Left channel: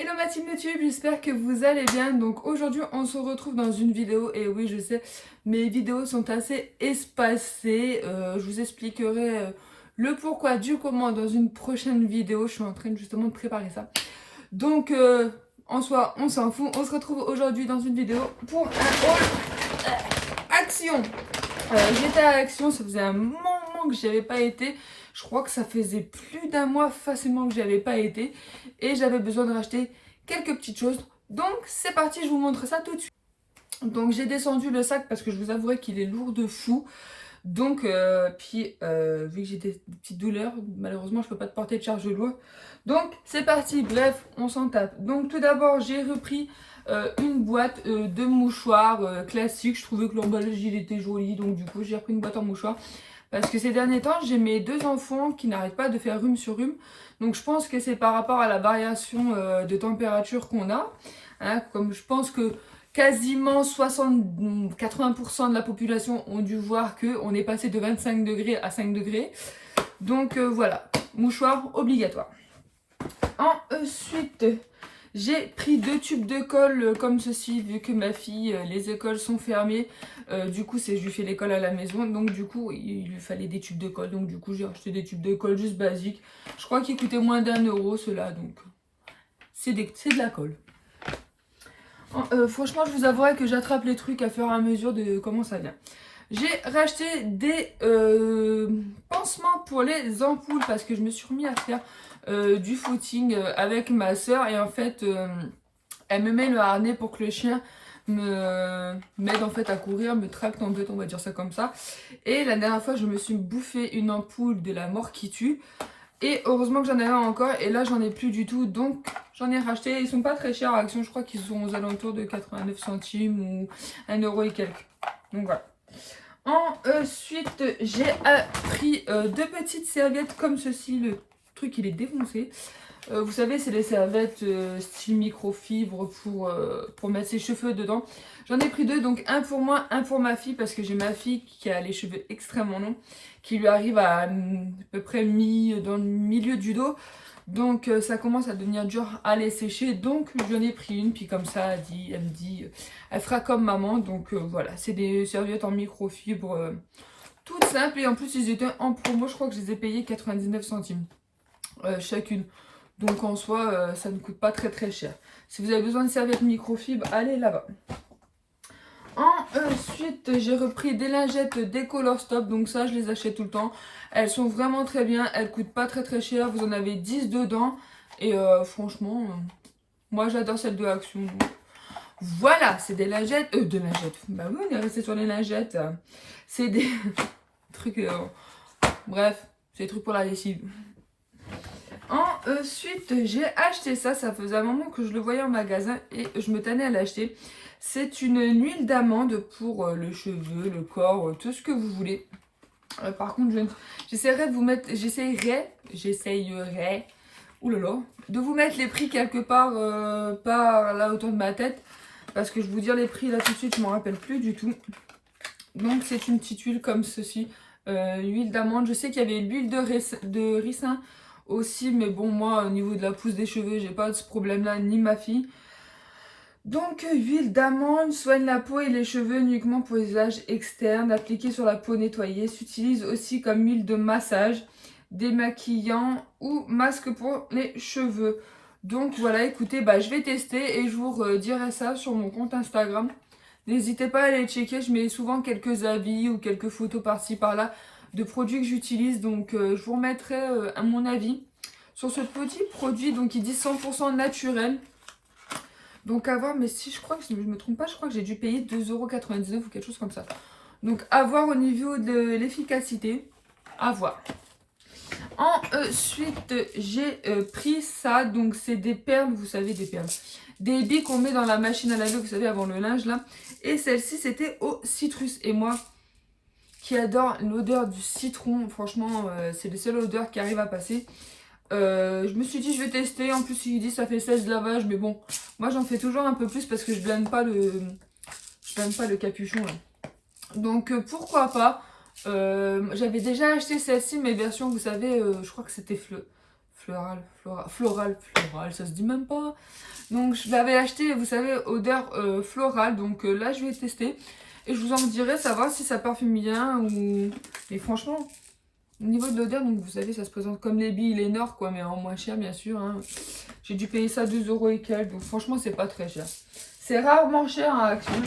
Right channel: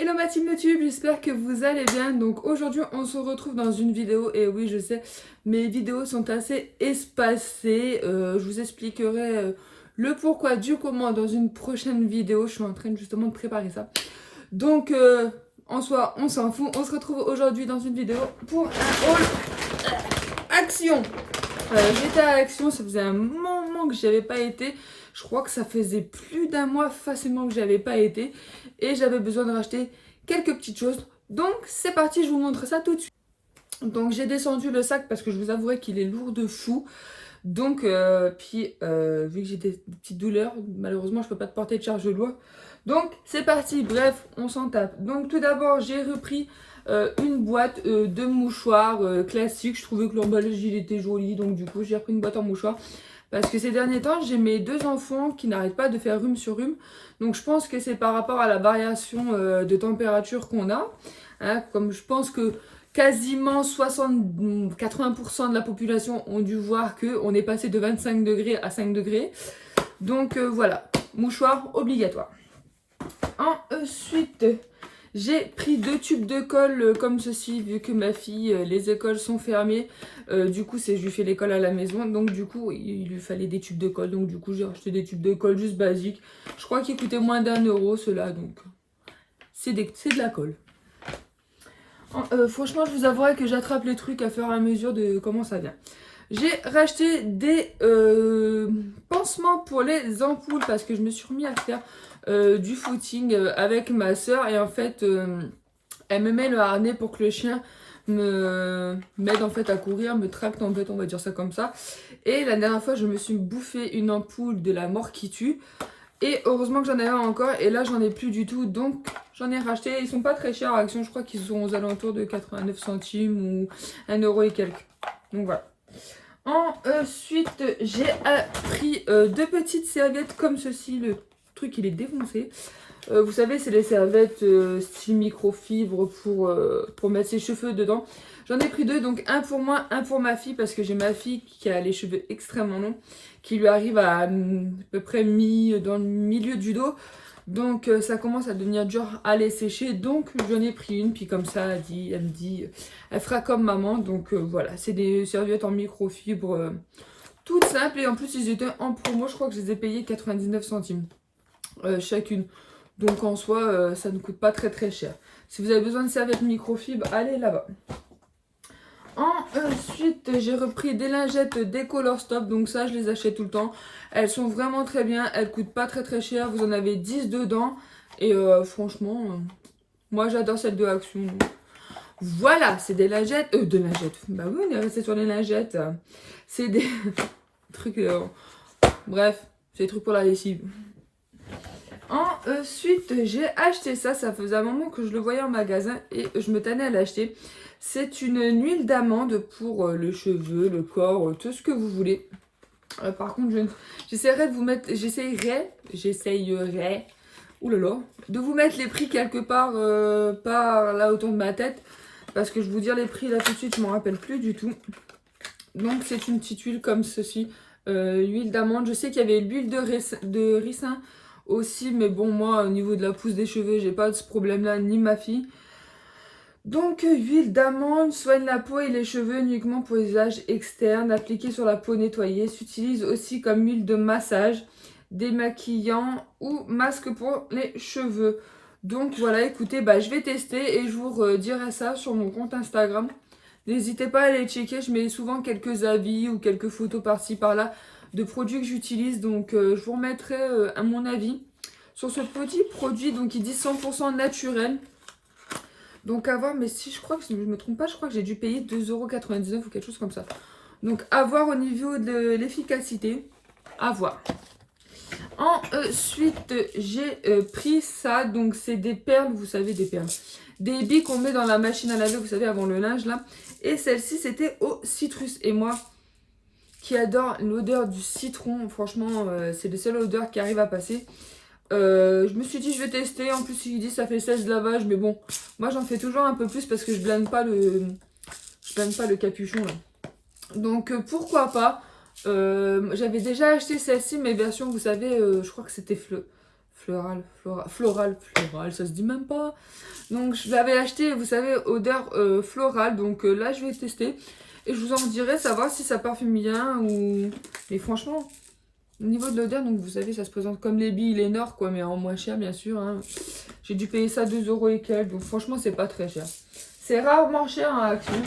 Hello ma team YouTube, j'espère que vous allez bien. Donc aujourd'hui on se retrouve dans une vidéo et oui je sais, mes vidéos sont assez espacées. Je vous expliquerai le pourquoi du comment dans une prochaine vidéo. Je suis en train justement de préparer ça. Donc en soi on s'en fout, on se retrouve aujourd'hui dans une vidéo pour un haul action. J'étais à Action, ça faisait un moment que j'y avais pas été. Je crois que ça faisait plus d'un mois facilement que j'y avais pas été. Et j'avais besoin de racheter quelques petites choses. Donc c'est parti, je vous montre ça tout de suite. Donc j'ai descendu le sac parce que je vous avouerai qu'il est lourd de fou. Donc vu que j'ai des petites douleurs, malheureusement je peux pas te porter de charge lourde. Donc c'est parti, bref, on s'en tape. Donc tout d'abord j'ai repris une boîte de mouchoirs classique. Je trouvais que l'emballage il était joli, donc du coup j'ai repris une boîte en mouchoirs. Parce que ces derniers temps j'ai mes deux enfants qui n'arrêtent pas de faire rhume sur rhume. Donc je pense que c'est par rapport à la variation de température qu'on a. Hein, comme je pense que quasiment 80% de la population ont dû voir qu'on est passé de 25 degrés à 5 degrés. Donc voilà, mouchoir obligatoire. Ensuite, j'ai pris deux tubes de colle comme ceci, vu que ma fille, les écoles sont fermées. Du coup, je lui fais l'école à la maison. Donc du coup, il lui fallait des tubes de colle. Donc du coup, j'ai acheté des tubes de colle juste basiques. Je crois qu'ils coûtaient moins d'1 € ceux-là. Donc c'est de la colle. Franchement, je vous avouerai que j'attrape les trucs à fur et à mesure de comment ça vient. J'ai racheté des pansements pour les ampoules parce que je me suis remis à faire du footing avec ma soeur et en fait elle me met le harnais pour que le chien m'aide en fait à courir, me tracte en fait, on va dire ça comme ça. Et la dernière fois je me suis bouffé une ampoule de la mort qui tue. Et heureusement que j'en avais encore et là j'en ai plus du tout, donc j'en ai racheté. Ils sont pas très chers à Action, je crois qu'ils sont aux alentours de 89 centimes ou 1 € et quelques. Donc voilà. Ensuite j'ai pris deux petites serviettes comme ceci, le truc il est défoncé. Vous savez c'est les serviettes style microfibre pour mettre ses cheveux dedans. J'en ai pris deux, donc un pour moi, un pour ma fille parce que j'ai ma fille qui a les cheveux extrêmement longs, qui lui arrive à peu près dans le milieu du dos. Donc ça commence à devenir dur à les sécher. Donc j'en ai pris une, puis comme ça elle me dit, elle fera comme maman. Donc voilà, c'est des serviettes en microfibre toutes simples. Et en plus ils étaient en promo, je crois que je les ai payées 99 centimes chacune. Donc en soi ça ne coûte pas très cher. Si vous avez besoin de serviettes microfibre, allez là-bas. Ensuite, j'ai repris des lingettes Décolor Stop. Donc ça, je les achète tout le temps. Elles sont vraiment très bien. Elles coûtent pas très cher. Vous en avez 10 dedans. Et franchement, moi j'adore celle de Action. Donc. Voilà, c'est des lingettes. Des lingettes. Bah oui, on est resté sur les lingettes. C'est des trucs... bref, c'est des trucs pour la lessive. Ensuite, j'ai acheté ça. Ça faisait un moment que je le voyais en magasin et je me tannais à l'acheter. C'est une huile d'amande pour le cheveu, le corps, tout ce que vous voulez. Par contre, j'essaierai de vous mettre, j'essayerai, oulala, de vous mettre les prix quelque part par là autour de ma tête. Parce que je vous dire les prix là tout de suite, je ne m'en rappelle plus du tout. Donc c'est une petite huile comme ceci, huile d'amande. Je sais qu'il y avait l'huile de ricin aussi, mais bon, moi au niveau de la pousse des cheveux, j'ai pas de ce problème là, ni ma fille. Donc, huile d'amande soigne la peau et les cheveux uniquement pour les usages externes, appliquée sur la peau nettoyée. S'utilise aussi comme huile de massage, démaquillant ou masque pour les cheveux. Donc voilà, écoutez, je vais tester et je vous redirai ça sur mon compte Instagram. N'hésitez pas à aller checker, je mets souvent quelques avis ou quelques photos par-ci par-là de produits que j'utilise. Donc je vous remettrai à mon avis sur ce petit produit, donc il dit 100% naturel. Donc à voir, mais si je crois que je ne me trompe pas, je crois que j'ai dû payer 2,99 € ou quelque chose comme ça. Donc à voir au niveau de l'efficacité, à voir. Ensuite, j'ai pris ça, donc c'est des perles, vous savez, des perles. Des billes qu'on met dans la machine à laver, vous savez, avant le linge là. Et celle-ci, c'était au citrus. Et moi, qui adore l'odeur du citron, franchement, c'est la seule odeur qui arrive à passer. Je me suis dit je vais tester, en plus il dit ça fait 16 lavages, mais bon, moi j'en fais toujours un peu plus parce que je blende pas le capuchon là. Donc pourquoi pas. J'avais déjà acheté celle-ci, mais version vous savez, je crois que c'était floral, ça se dit même pas. Donc je l'avais acheté, vous savez, odeur florale. Donc là je vais tester et je vous en dirai savoir si ça parfume bien ou... Mais franchement, au niveau de l'odeur, donc vous savez, ça se présente comme les billes Lénore quoi, mais en moins cher bien sûr. Hein. J'ai dû payer ça 2 € et quelques, donc franchement c'est pas très cher. C'est rarement cher à Action.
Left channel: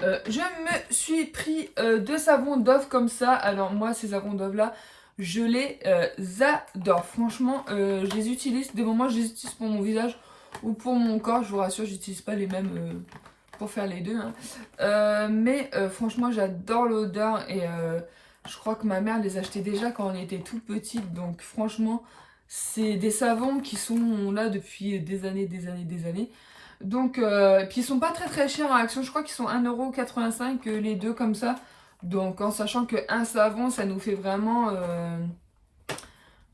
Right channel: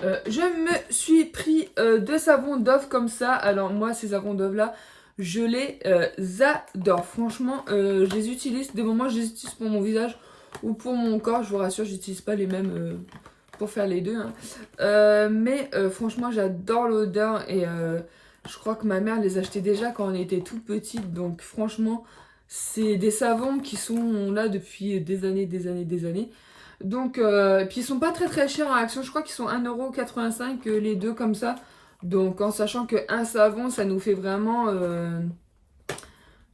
Je me suis pris 2 savons Dove comme ça. Alors moi ces savons Dove là, je les adore. Franchement, je les utilise. Des moments je les utilise pour mon visage ou pour mon corps. Je vous rassure, j'utilise pas les mêmes pour faire les deux. Hein. Mais franchement, j'adore l'odeur et je crois que ma mère les achetait déjà quand on était tout petite. Donc franchement, c'est des savons qui sont là depuis des années, des années, des années. Donc, puis ils sont pas très très chers à Action. Je crois qu'ils sont 1,85 € les deux comme ça. Donc en sachant qu'un savon, ça nous fait vraiment...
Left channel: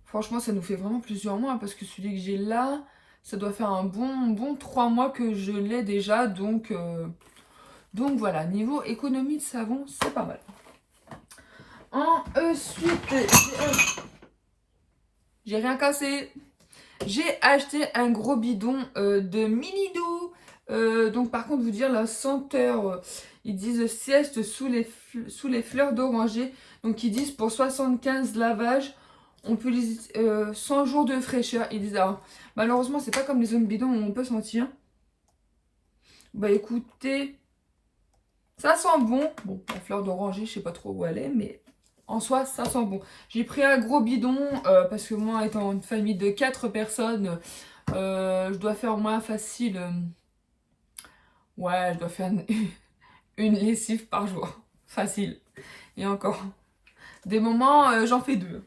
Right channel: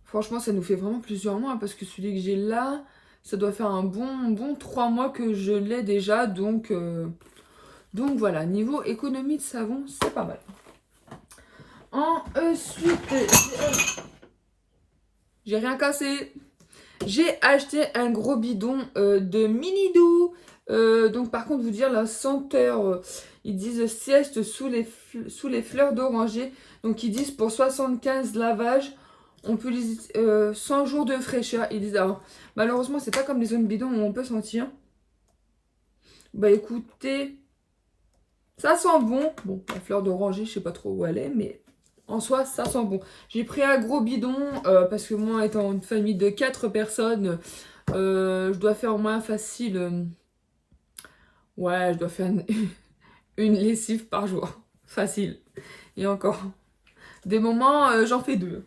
franchement, ça nous fait vraiment plusieurs mois. Parce que celui que j'ai là, ça doit faire un bon 3 mois que je l'ai déjà. Donc voilà, niveau économie de savon, c'est pas mal. Ensuite, j'ai rien cassé. J'ai acheté un gros bidon de Minidou. Donc par contre, vous dire la senteur, ils disent sieste sous les fleurs d'oranger. Donc ils disent pour 75 lavages, on peut les 100 jours de fraîcheur. Ils disent alors, malheureusement, c'est pas comme les autres bidons où on peut sentir. Bah écoutez, ça sent bon. Bon, la fleur d'oranger, je sais pas trop où elle est, mais en soi, ça sent bon. J'ai pris un gros bidon parce que moi, étant une famille de 4 personnes, je dois faire au moins facile. Ouais, je dois faire une lessive par jour. Facile. Et encore. Des moments, j'en fais 2.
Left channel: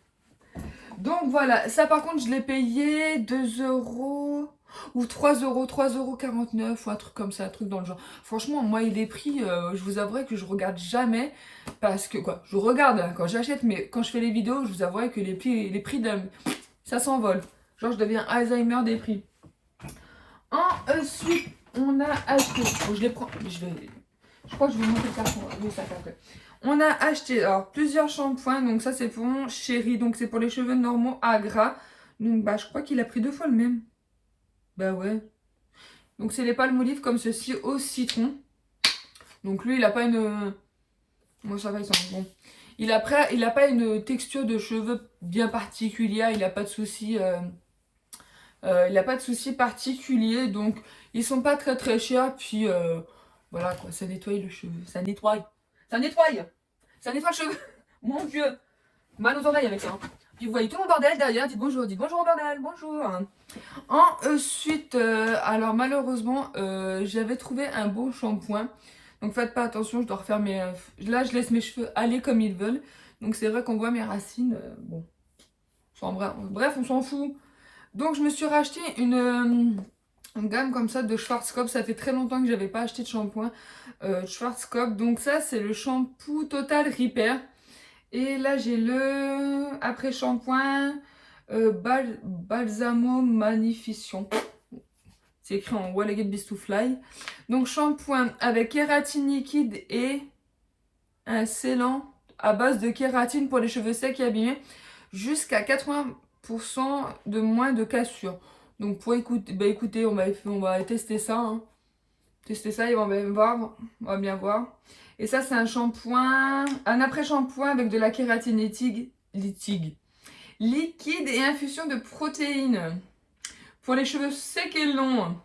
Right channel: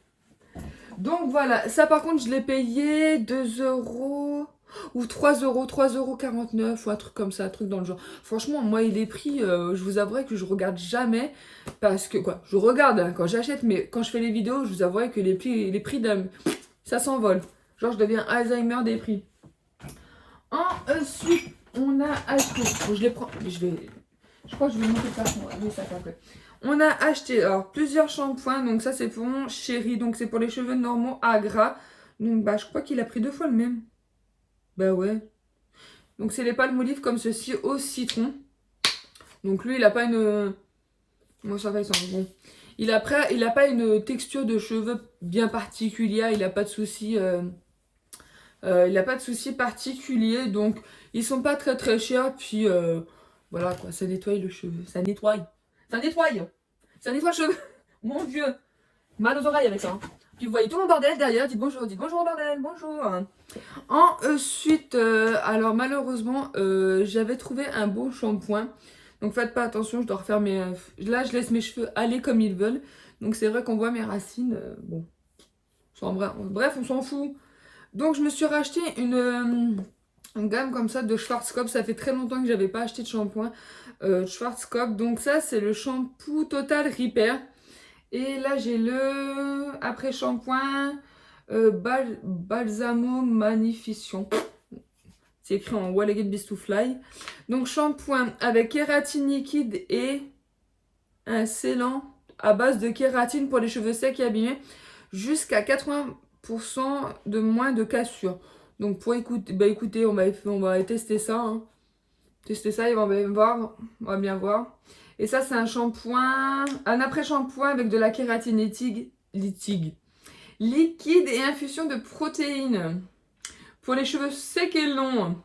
Donc voilà, ça par contre, je l'ai payé 2 € ou 3 € ou un truc comme ça, un truc dans le genre. Franchement, moi, il est pris, je vous avouerai que je regarde jamais parce que, quoi, je regarde hein, quand j'achète, mais quand je fais les vidéos, je vous avouerai que les prix ça s'envole. Genre, je deviens Alzheimer des prix. Ensuite, on a acheté, je les prends, je crois que je vais monter le carton, le sac après. On a acheté alors, plusieurs shampoings. Donc ça c'est pour mon chéri. Donc c'est pour les cheveux normaux à gras. Donc bah je crois qu'il a pris 2 fois le même. Bah ouais. Donc c'est les palmolive comme ceci au citron. Donc lui il a pas une... Moi ça va ils sont bon. Il a pas une texture de cheveux bien particulière. Il a pas de soucis. Il a pas de soucis particuliers. Donc ils sont pas très très chers. Puis voilà quoi. Ça nettoie le cheveu. Ça nettoie. Ça nettoie. Ça nettoie le cheveu. Mon Dieu. Mal aux oreilles avec ça. Puis vous voyez tout mon bordel derrière. Dites bonjour au bordel. Bonjour. Ensuite, alors malheureusement, j'avais trouvé un beau shampoing. Donc faites pas attention, je dois refaire mes... Là, je laisse mes cheveux aller comme ils veulent. Donc c'est vrai qu'on voit mes racines. Bon. Bref, on s'en fout. Donc je me suis racheté une gamme comme ça de Schwarzkopf. Ça fait très longtemps que j'avais pas acheté de shampoing Schwarzkopf. Donc ça, c'est le shampoo Total Repair. Et là, j'ai le après-shampoing Balsamo Magnification. C'est écrit en Elegant Beast to Fly. Donc, shampoing avec kératine liquide et un scellant à base de kératine pour les cheveux secs et abîmés. Jusqu'à 80% de moins de cassure. Donc, pour écouter, bah, écoutez, on va tester ça. Hein. Tester ça et on va voir. On va bien voir. Et ça, c'est un shampoing, un après-shampoing avec de la kératine liquide et infusion de protéines. Pour les cheveux secs et longs.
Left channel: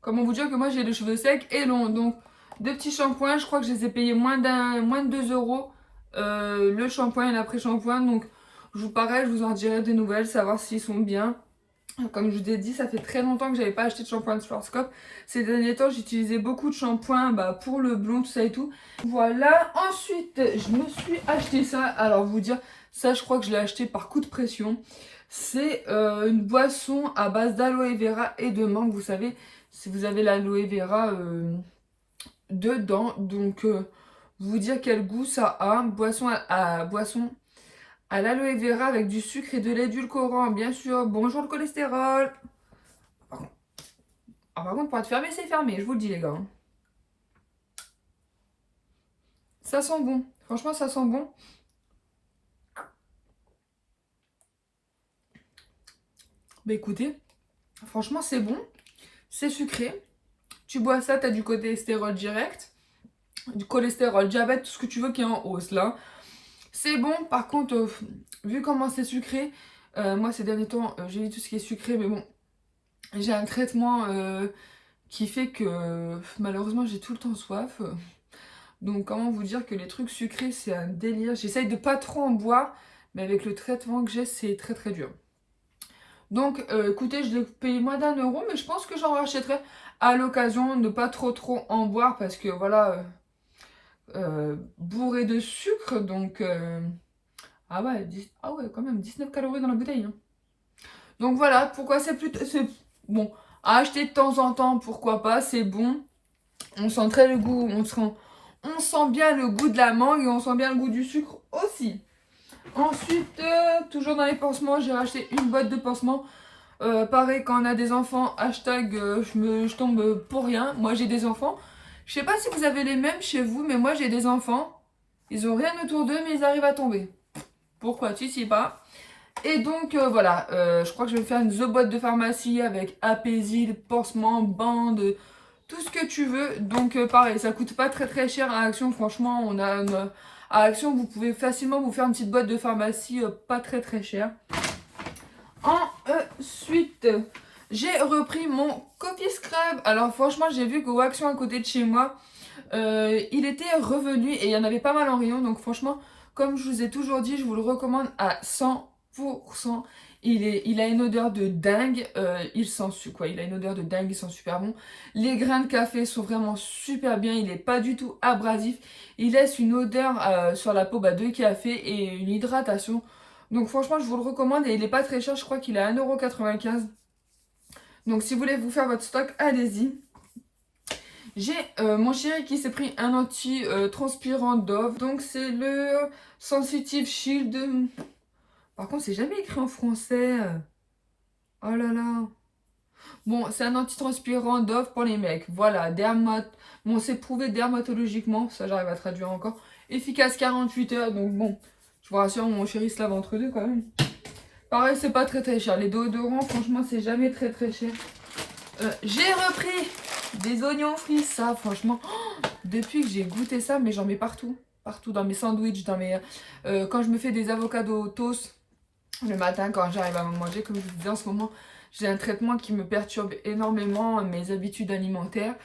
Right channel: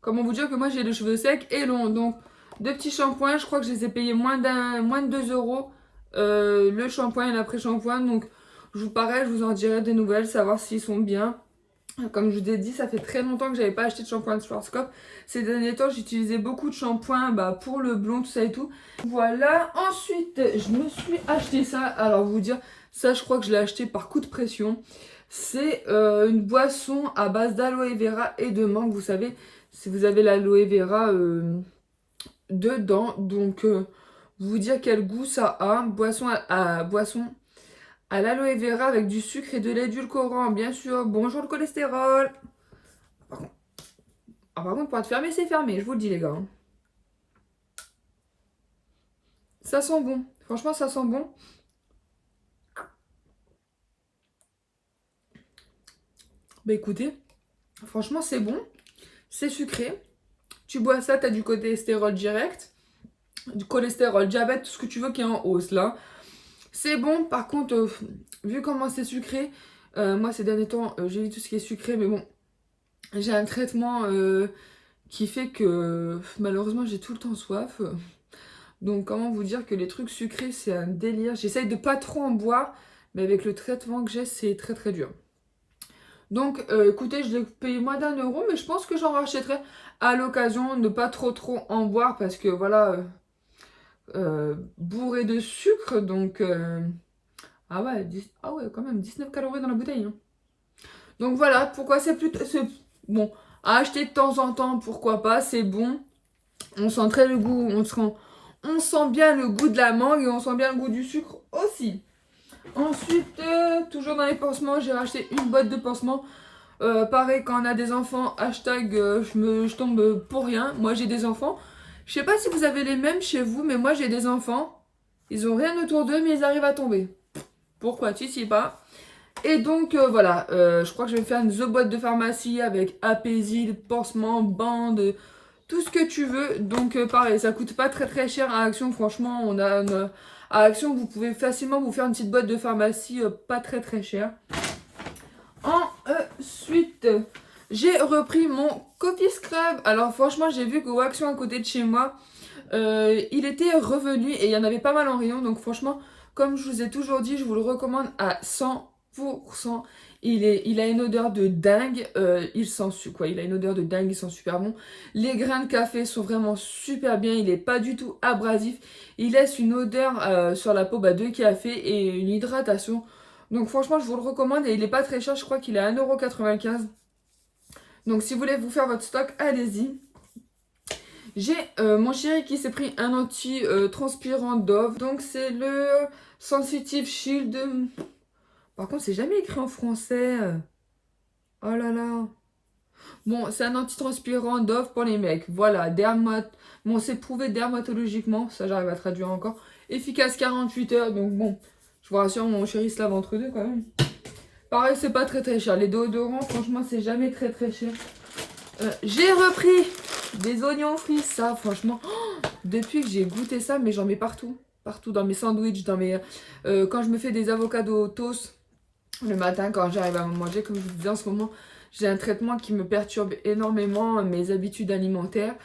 Comment vous dire que moi, j'ai les cheveux secs et longs. Donc, 2 petits shampoings. Je crois que je les ai payés moins de 2 €. Le shampoing et l'après-shampoing. Donc, je vous en dirai des nouvelles, savoir s'ils sont bien. Comme je vous ai dit, ça fait très longtemps que j'avais pas acheté de shampoing de Schwarzkopf. Ces derniers temps, j'utilisais beaucoup de shampoing pour le blond, tout ça et tout. Voilà. Ensuite, je me suis acheté ça. Alors, vous dire, ça, je crois que je l'ai acheté par coup de pression. C'est une boisson à base d'aloe vera et de mangue. Vous savez, si vous avez l'aloe vera dedans. Donc, vous dire quel goût ça a. Boisson à l'aloe vera avec du sucre et de l'édulcorant, bien sûr. Bonjour le cholestérol. Par contre, pour être fermé, c'est fermé, je vous le dis, les gars. Ça sent bon. Franchement, ça sent bon. Bah écoutez, franchement c'est bon, c'est sucré. Tu bois ça, tu as du cholestérol direct, du cholestérol, diabète, tout ce que tu veux qui est en hausse là. C'est bon, par contre, vu comment c'est sucré, moi ces derniers temps, j'évite tout ce qui est sucré, mais bon, j'ai un traitement qui fait que malheureusement j'ai tout le temps soif. Donc comment vous dire que les trucs sucrés c'est un délire. J'essaye de pas trop en boire, mais avec le traitement que j'ai c'est très très dur. Donc écoutez, je l'ai payé moins d'1 euro, mais je pense que j'en rachèterai à l'occasion, ne pas trop en boire parce que voilà, bourré de sucre, donc ah ouais, ah ouais, quand même 19 calories dans la bouteille, hein. Donc voilà, pourquoi c'est plutôt bon à acheter de temps en temps, pourquoi pas, c'est bon. On sent très le goût, on sent bien le goût de la mangue et on sent bien le goût du sucre aussi. Ensuite, toujours dans les pansements, j'ai racheté une boîte de pansements. Pareil, quand on a des enfants, hashtag je tombe pour rien. Moi j'ai des enfants. Je sais pas si vous avez les mêmes chez vous, mais moi j'ai des enfants. Ils ont rien autour d'eux, mais ils arrivent à tomber. Pourquoi tu sais pas? Et donc voilà, je crois que je vais faire une The boîte de pharmacie avec apaisil, pansement, bande, tout ce que tu veux. Donc pareil, ça coûte pas très très cher à Action. Franchement, à Action, vous pouvez facilement vous faire une petite boîte de pharmacie pas très très cher. Ensuite, j'ai repris mon Coffee Scrub. Alors franchement, j'ai vu qu'au Action à côté de chez moi, il était revenu et il y en avait pas mal en rayon. Donc franchement, comme je vous ai toujours dit, je vous le recommande à 100%. Il a une odeur de dingue. Il a une odeur de dingue, il sent super bon. Les grains de café sont vraiment super bien. Il n'est pas du tout abrasif. Il laisse une odeur sur la peau de café et une hydratation. Donc franchement, je vous le recommande et il n'est pas très cher. Je crois qu'il est à 1,95 €. Donc si vous voulez vous faire votre stock, allez-y. J'ai mon chéri qui s'est pris un anti-transpirant Dove. Donc c'est le Sensitive Shield. Par contre, c'est jamais écrit en français. Oh là là. Bon, c'est un antitranspirant Dove pour les mecs. Voilà, bon, c'est prouvé dermatologiquement. Ça, j'arrive à traduire encore. Efficace 48 heures. Donc bon, je vous rassure, mon chéri se lave entre deux quand même. Pareil, c'est pas très très cher. Les déodorants, franchement, c'est jamais très très cher. J'ai repris des oignons frits. Ça, franchement, depuis que j'ai goûté ça, mais j'en mets partout. Partout, dans mes sandwichs, quand je me fais des avocados toast le matin, quand j'arrive à manger, comme je vous disais en ce moment, j'ai un traitement qui me perturbe énormément mes habitudes alimentaires.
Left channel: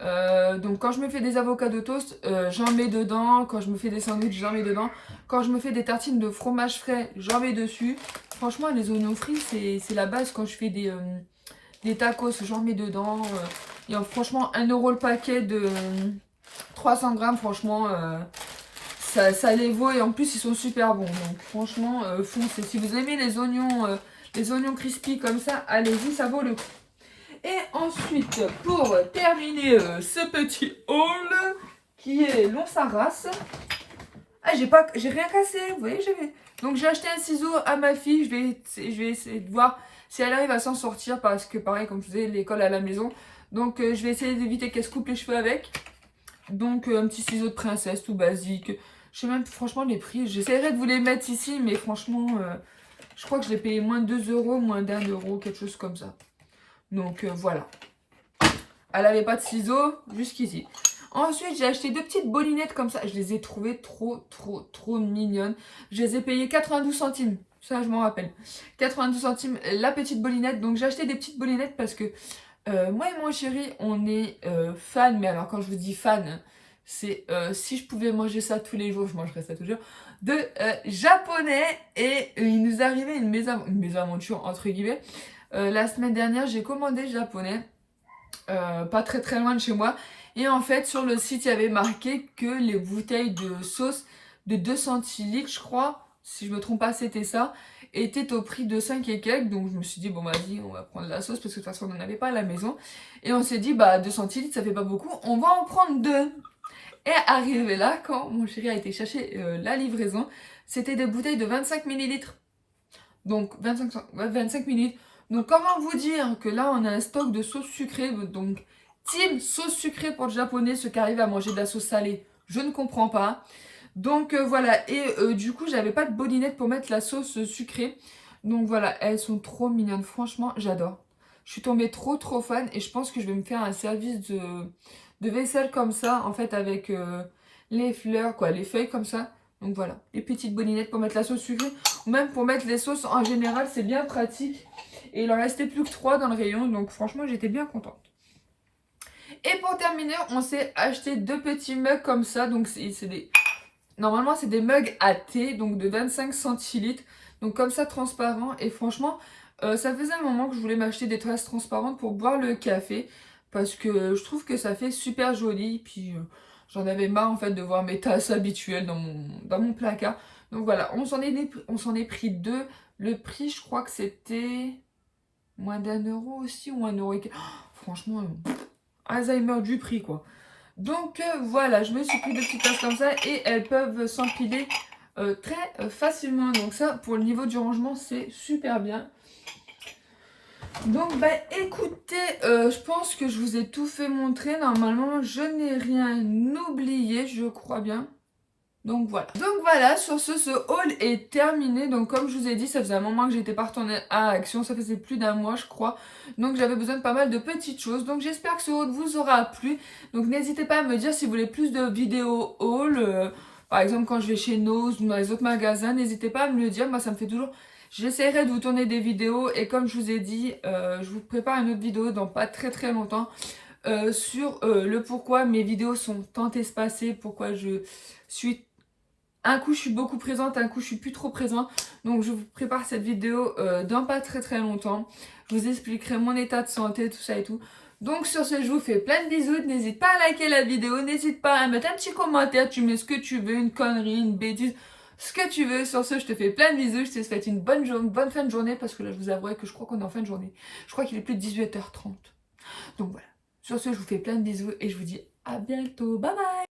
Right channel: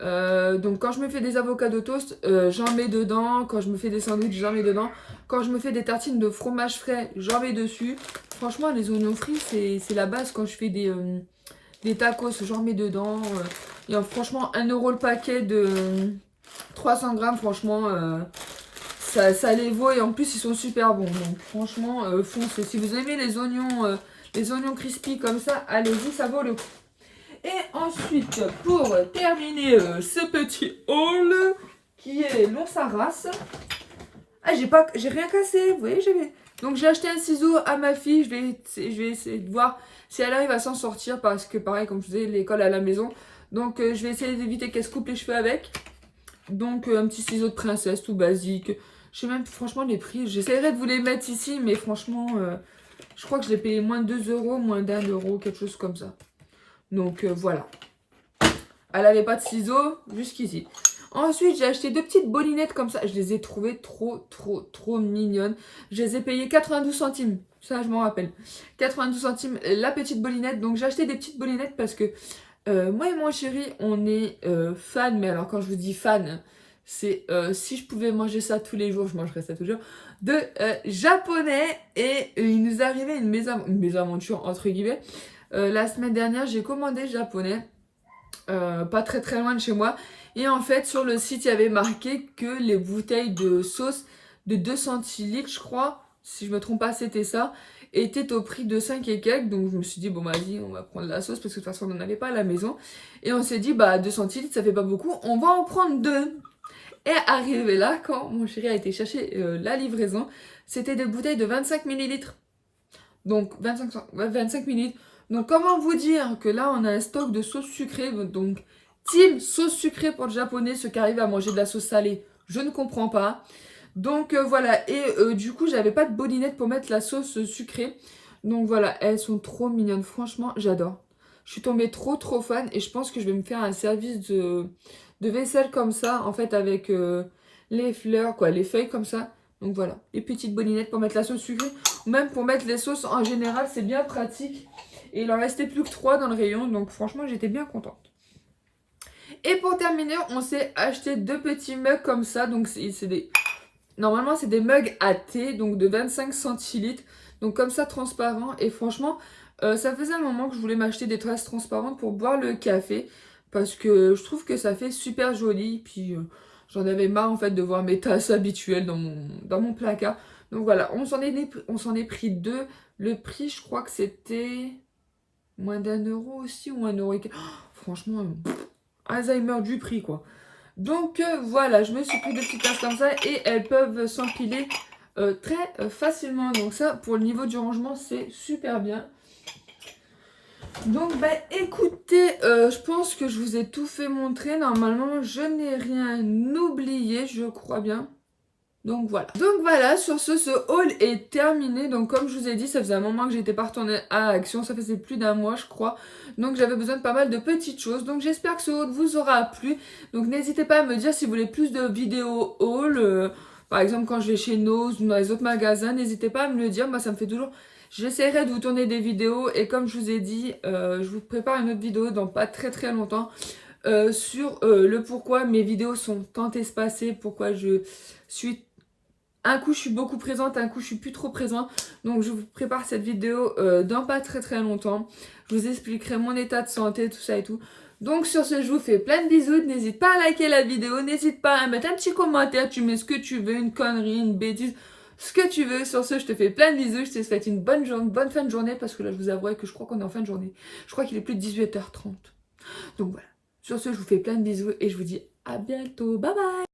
Donc quand je me fais des avocados toast, j'en mets dedans. Quand je me fais des sandwichs, j'en mets dedans. Quand je me fais des tartines de fromage frais, j'en mets dessus. Franchement, les oignons frits, c'est la base. Quand je fais des tacos, j'en mets dedans. Et franchement, 1 € le paquet de 300 grammes, franchement, ça les vaut. Et en plus, ils sont super bons. Donc franchement, foncez. Si vous aimez les oignons crispy comme ça, allez-y, ça vaut le coup. Et ensuite, pour terminer ce petit haul, qui est long sa race. Ah, j'ai rien cassé, vous voyez, donc j'ai acheté un ciseau à ma fille. Je vais essayer de voir si elle arrive à s'en sortir, parce que pareil, comme je vous disais, l'école à la maison. Donc je vais essayer d'éviter qu'elle se coupe les cheveux avec. Donc un petit ciseau de princesse tout basique. Je sais même franchement les prix. J'essaierai de vous les mettre ici, mais franchement, je crois que je l'ai payé moins de 2 €, moins d'1 €, quelque chose comme ça. Donc voilà. Elle n'avait pas de ciseaux jusqu'ici. Ensuite, j'ai acheté 2 petites bolinettes comme ça. Je les ai trouvées trop mignonnes. Je les ai payées 92 centimes. Ça, je m'en rappelle. 92 centimes la petite bolinette. Donc, j'ai acheté des petites bolinettes parce que moi et mon chéri, on est fan. Mais alors, quand je vous dis fan, c'est si je pouvais manger ça tous les jours, je mangerais ça toujours. De japonais. Et il nous arrivait une mésaventure, entre guillemets. La semaine dernière, j'ai commandé japonais. Pas très loin de chez moi. Et en fait, sur le site, il y avait marqué que les bouteilles de sauce de 2 centilitres, je crois, si je me trompe pas, c'était ça, étaient au prix de 5 et quelques. Donc, je me suis dit, bon, vas-y, on va prendre la sauce parce que de toute façon, on n'en avait pas à la maison. Et on s'est dit, bah, 2 centilitres, ça fait pas beaucoup, on va en prendre 2. Et arrivé là, quand mon chéri a été chercher la livraison, c'était des bouteilles de 25 millilitres. Donc, 25 millilitres. Donc, comment vous dire que là, on a un stock de sauce sucrée. Donc, team sauce sucrée pour le japonais, ceux qui arrivent à manger de la sauce salée, je ne comprends pas. Donc, voilà. Et du coup, j'avais pas de bolinette pour mettre la sauce sucrée. Donc voilà, elles sont trop mignonnes. Franchement, j'adore. Je suis tombée trop fan et je pense que je vais me faire un service de vaisselle comme ça, en fait, avec les fleurs, quoi, les feuilles comme ça. Donc voilà, les petites boninettes pour mettre la sauce sucrée ou même pour mettre les sauces en général, c'est bien pratique. Et il en restait plus que 3 dans le rayon, donc franchement, j'étais bien contente. Et pour terminer, on s'est acheté 2 petits mugs comme ça. Donc c'est des... Normalement, c'est des mugs à thé, donc de 25 centilitres. Donc comme ça, transparent. Et franchement, ça faisait un moment que je voulais m'acheter des tasses transparentes pour boire le café. Parce que je trouve que ça fait super joli. Puis j'en avais marre en fait de voir mes tasses habituelles dans mon placard. Donc voilà, on s'en est pris 2. Le prix, je crois que c'était moins d'1 € aussi ou 1 € et... franchement, Alzheimer du prix quoi. Donc voilà, je me suis pris 2 petites tasses comme ça et elles peuvent s'empiler très facilement. Donc ça, pour le niveau du rangement, c'est super bien. Donc bah écoutez, je pense que je vous ai tout fait montrer. Normalement, je n'ai rien oublié, je crois bien. Donc voilà, sur ce haul est terminé. Donc comme je vous ai dit, ça faisait un moment que j'étais pas retournée à Action, ça faisait plus d'1 mois je crois. Donc j'avais besoin de pas mal de petites choses. Donc j'espère que ce haul vous aura plu. Donc n'hésitez pas à me dire si vous voulez plus de vidéos haul. Par exemple quand je vais chez Nose ou dans les autres magasins, n'hésitez pas à me le dire. Moi ça me fait toujours... J'essaierai de vous tourner des vidéos et comme je vous ai dit, je vous prépare une autre vidéo dans pas très longtemps. Sur le pourquoi mes vidéos sont tant espacées, pourquoi je suis... Un coup je suis beaucoup présente, un coup je suis plus trop présente. Donc je vous prépare cette vidéo dans pas très longtemps. Je vous expliquerai mon état de santé, tout ça et tout. Donc sur ce, je vous fais plein de bisous. N'hésite pas à liker la vidéo, n'hésite pas à mettre un petit commentaire. Tu mets ce que tu veux, une connerie, une bêtise, ce que tu veux. Sur ce, je te fais plein de bisous. Je te souhaite une bonne fin de journée parce que là je vous avouerai que je crois qu'on est en fin de journée. Je crois qu'il est plus de 18h30. Donc voilà. Sur ce, je vous fais plein de bisous et je vous dis à bientôt. Bye bye.